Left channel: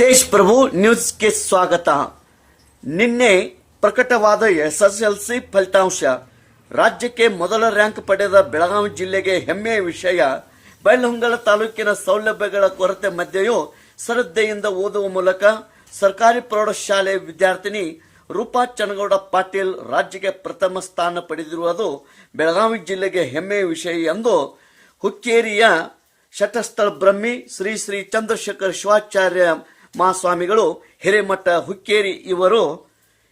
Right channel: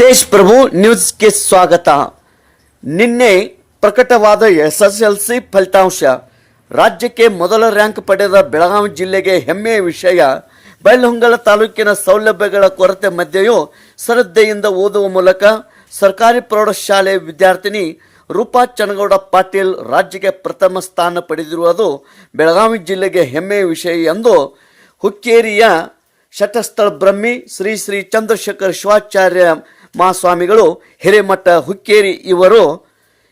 ತೇಜ್ ಪ್ರಭು ನ್ಯೂಸ್ಗೆ ಸ್ವಾಗತ. ನಿನ್ನೆ ಪ್ರಕಟವಾದ ಎಸ್ ಎಲ್ ಸಿ ಫಲಿತಾಂಶ. ರಾಜ್ಯಕ್ಕೆ ಮೊದಲ ರ್ಯಾಂಕ್ ಪಡೆದ ಬೆಳಗಾವಿ ಜಿಲ್ಲೆಗೆ ಹೆಮ್ಮೆಯ ವಿಷಯ. ಬೈಲಹೊಂಗಲ ತಾಲೂಕಿನ ಸೌಲಭ್ಯಗಳ ಕೊರತೆ ಮಧ್ಯೆಯೂ ಶ್ರದ್ಧೆಯಿಂದ ಓದುವ ಮೂಲಕ ಸರ್ಕಾರಿ ಪ್ರೌಢಶಾಲೆ ವಿದ್ಯಾರ್ಥಿನಿ ರೂಪಾ ಚನಗೌಡ ಪಾಟೀಲ್ ರಾಜ್ಯಕ್ಕೆ ಪ್ರಥಮ ಸ್ಥಾನ ಪಡೆದಿರುವುದು ಬೆಳಗಾವಿ ಜಿಲ್ಲೆಗೆ ಹೆಮ್ಮೆಯ ವಿಷಯ ಎಂದು ಹುಕ್ಕೇರಿಯ ಶಟಸ್ಥಳ ಬ್ರಹ್ಮಿ ಶ್ರೀ ಶ್ರೀ ಚಂದ್ರಶೇಖರ್ ಶಿವಾಚಾರ್ಯ ಮಹಾಸ್ವಾಮಿಗಳು ಹಿರೇಮಠ ಹುಕ್ಕೇರಿ ಇವರು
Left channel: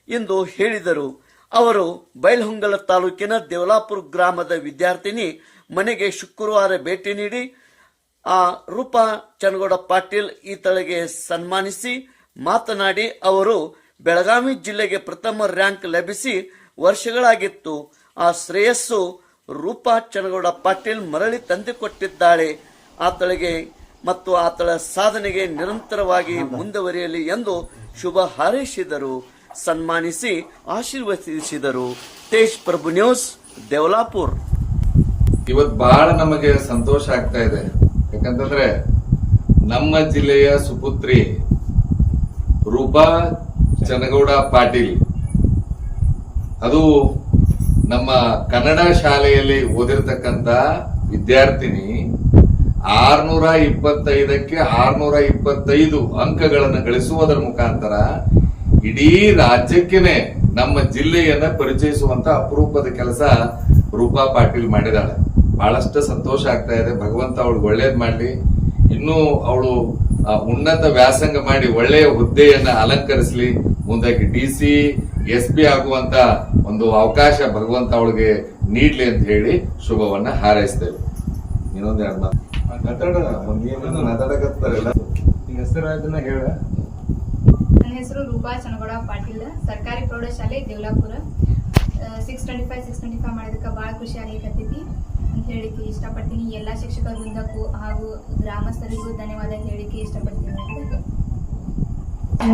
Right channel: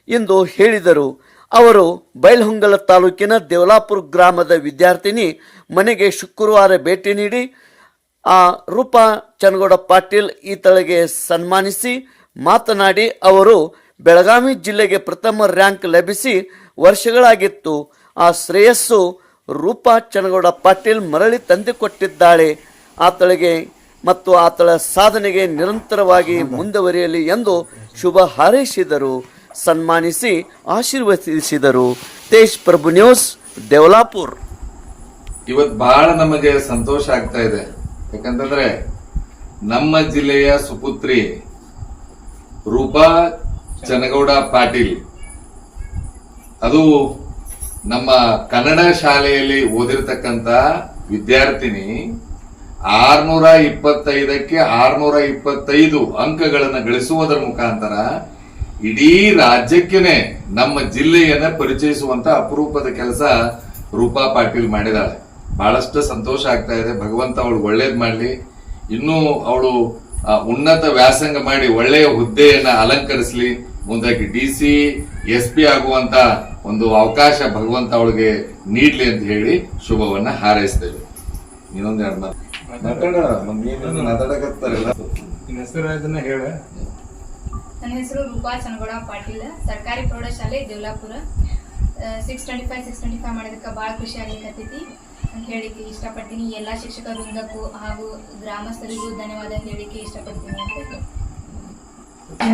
ಇಂದು ಹೇಳಿದರು. ಅವರು ಬೈಲಹೊಂಗಲ ತಾಲೂಕಿನ ದೇವಲಾಪುರ ಗ್ರಾಮದ ವಿದ್ಯಾರ್ಥಿನಿ, ಮನೆಗೆ ಶುಕ್ರವಾರ ಭೇಟಿ ನೀಡಿ ಆ ರೂಪಾ ಚನಗೌಡ ಪಾಟೀಲ್ ಈತಳಿಗೆ ಸನ್ಮಾನಿಸಿ ಮಾತನಾಡಿ ಅವರು ಬೆಳಗಾವಿ ಜಿಲ್ಲೆಗೆ ಪ್ರಥಮ ರ್ಯಾಂಕ್ ಲಭಿಸಿ ವರ್ಷಗಳಾಗಿತ್ತು. ಆ ಶ್ರೇಯಸ್ಸು ರೂಪಾ ಚನಗೌಡ ಪಾಟೀಲ್ ಮರಳಿ ತಂದುಕೊಟ್ಟಿದ್ದಾಳೆ. ಆತಳಿಗೆ ಮತ್ತು ಆತಳ ಸಾಧನೆಗೆ ನಿರಂತರವಾಗಿ ಮುಂದುವರಿಯಲಿ ಎಂದು ಶುಭ ಹಾರೈಸಿದರು. ಸನ್ಮಾನಿಸಿ ಆಶೀರ್ವದಿಸಿದರು. ತೇಜ್ ಪ್ರಭು ನ್ಯೂಸ್ ದೇವಲಾಪುರ್. ಇವತ್ತು ಬಹಳ ನಮಗೆ ಸಂತೋಷ ಆಗ್ತಾ ಇದೆ. ಯಾಕಂತಂದ್ರೆ ನಮ್ಮ ಜಿಲ್ಲೆಯ ಸುಪುತ್ರಿ ರೂಪಾ ಚನಗೌಡ ಪಾಟೀಲ್. ಅದು ನಮ್ಮ ಕನ್ನಡ ಶಾಲೆಯಲ್ಲಿ ಓದಿರ್ತಕ್ಕಂಥ ವಿದ್ಯಾರ್ಥಿನಿ. ಆರ್ನೂರ ಇಪ್ಪತ್ತೈದಕ್ಕೆ ಆರ್ನೂರ ಇಪ್ಪತ್ತೈದು ಅಂಕಗಳನ್ನು ಗಳಿಸುವುದರ ಮುಖಾಂತರ ಇಡೀ ರಾಜ್ಯಕ್ಕೇನೆ ನಮ್ಮ ಜಿಲ್ಲೆಯನ್ನ ಪರಿಚಯಿಸುವಂತ ಅಪರೂಪದ ಕೆಲಸ ರೂಪಾ ಪಾಟೀಲ್ ಮಾಡಿದಾಳೆ. ಬಹಳಷ್ಟು ಸಂತೋಷ ಆಗ್ತಾ ಇದೆ. ಭಗವಂತ ಅವಳು ಒಳ್ಳೇದ್ ಮಾಡಲಿ. ಇನ್ನೂ ಅವಳು ಉನ್ನತ ವ್ಯಾಸಂಗ ಮಾಡಿ ಒಳ್ಳೆಯ ಹುದ್ದೆಯನ್ನ ಅಲಂಕರಿಸಲಿ. ಮುಂದಕ್ಕೆ ಡಿ ಸಿ, ಎಸ್ ಪಿ ಆಗುವಂತ ಒಂದು ಅವಕಾಶ ಭಗವಂತ ಅವಳಿಗೆ ನೀಡ್ಲಿ ಅಂತ ಹೇಳಿ ಶುಭವನ್ನ ಹಾರೈಸ್ತೇವೆ. ಇನ್ನೊಂದೆರಡು ಮಾತು. ಹೇಳ. ನನ್ನ ಹೆಸರು ರೂಪಾ ಚನಗೌಡ ಪಾಟೀಲ್ ಸರ್ಕಾರಿ ಪ್ರೌಢಶಾಲೆ Devlapura. Six twenty five six twenty five ಮಾಡೋದಕ್ಕೆ ಭಾಳ ಖುಷಿ ಆಗಲಿಕ್ಕತ್ತೈತಿ ಅಂತ ಹೇಳಿಕೆ ಇಷ್ಟಪಡ್ತೀನಿ. ಎಲ್ಲ ಶಿಕ್ಷಕ ವೃಂದಕ್ಕೂ ಹಾಗೂ ಗ್ರಾಮಸ್ಥರಿಗೂ ಧನ್ಯವಾದ ಹೇಳಿಕೆ ಇಷ್ಟಪಡ್ತೀನಿ ಅಂತ